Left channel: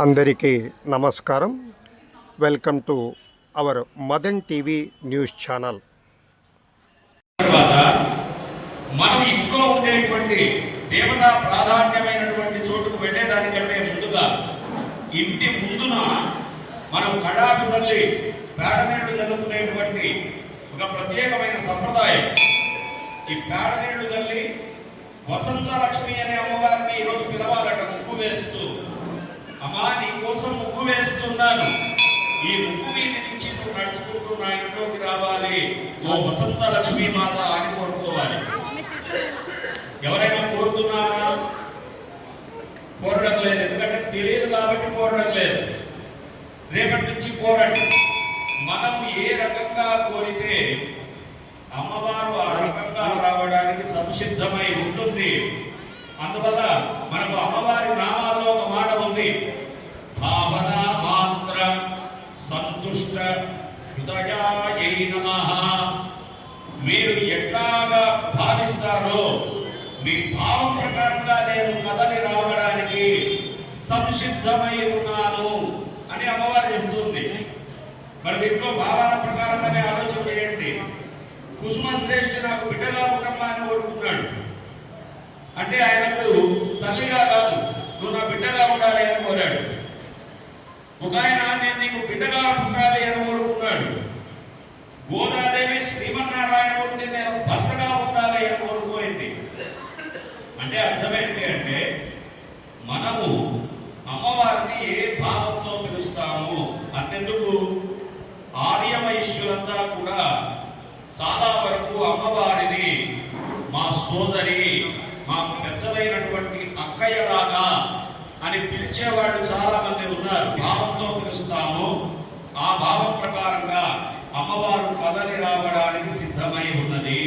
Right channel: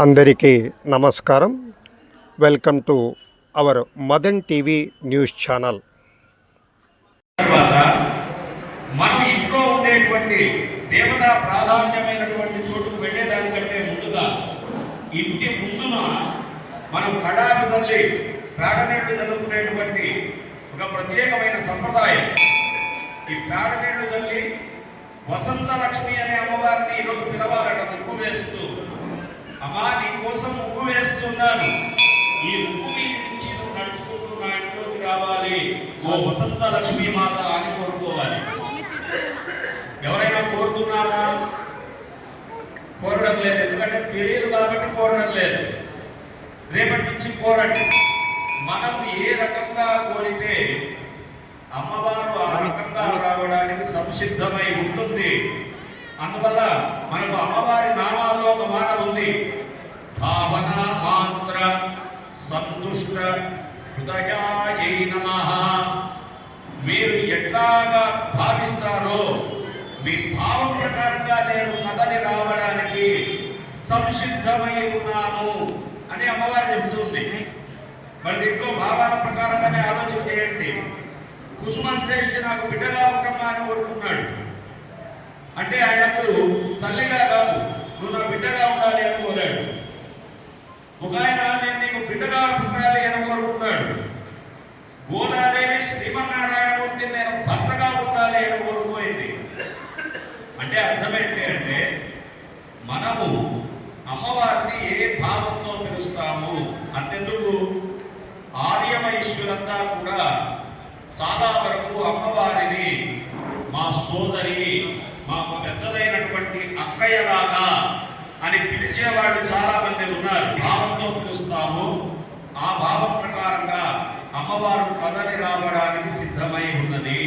అందరికీ నమస్కారం. Welcome to our Madan TV news channel. మనం ఇంట్లో ఉండేటువంటి దేవతా ప్రాధాన్యమైనటువంటి చోటుకు వెళ్ళేదానికంటే ముందుగా ఇంటి ముందున మనం కడాపి తల్లి పేడనీళ్ళు జరుగుతున్నటువంటి ఒక ప్రత్యేకమైన సంప్రదాయం. ఈ పేడనీళ్ళు తల్లి వసంత లక్ష్మి అనే అమ్మవారిని ఈరోజు పిలవ చెప్తున్నాను ఈ ముక్కు మీద నుంచి నువ్వు నడుచుకుంటూ నా ఇంట్లోకి రావాలి. ఓ వసంత లక్ష్మీ మాత అని కోరుకోవాలి. ఎవరైనా కోరుతున్నానా కోరడం లేదు. ఎందుకంటే తెలియదు కాబట్టి కోరడం లేదు. రేపటి నుంచి కోరండి. మనం ఏ రకంగా కోరితే అమ్మవారు ఆ రకంగా రావడానికి సంసిద్ధమై ఉంటుంది. అందువల్ల మనకు అమ్మవారి నామాల్లో ఒక మాట ఉంది. హృదయాయై నమ. మీరు ఎట్లాగా భావిస్తారో మీ భావం ప్రకారంగా నేను కథని రావడానికి సంసిద్ధమై ఉన్నాను అని అమ్మవారి చెబుతుంది మరి దీంట్లో భావాల ప్రకారంగానే ఆలోచన చేయండి. కుసుమ శ్రేష్ఠి నాకు బిడ్డగా పుట్టమ్మా అని కోరుకున్నాడు. అంటే ఆయనకు తల్లిగా కాదు నువ్వు నా బిడ్డగా ఉండాలి అని కోరాడు. ఒక ఆయన నేను నీకు బిడ్డగా పుట్టాలి అని కోరుకున్నాడు గోదాదేవి శ్రీమన్నారాయణమూర్తి నేను భర్తగా ఉండాలి అని కోరుకోయింది అంటే అర్థమేంటి అంటే మనము అమ్మవారిని ఏ భావంతో పిలుస్తాము? అంతెందుకు? ఆర్యవైశ్యులంతా కూడా చాలా వరకు అమ్మవారిని మా సోదరి మాకు పెద్దదైనటువంటి అక్కయ్యలాగా అని పిలిచేవాళ్ళు చాలా మంది ఉన్నారు భావంతో పిలుస్తాము ఆ భావం ప్రకారంగా అమ్మవారు కదలి రావడానికి సిద్ధమై ఉన్నది.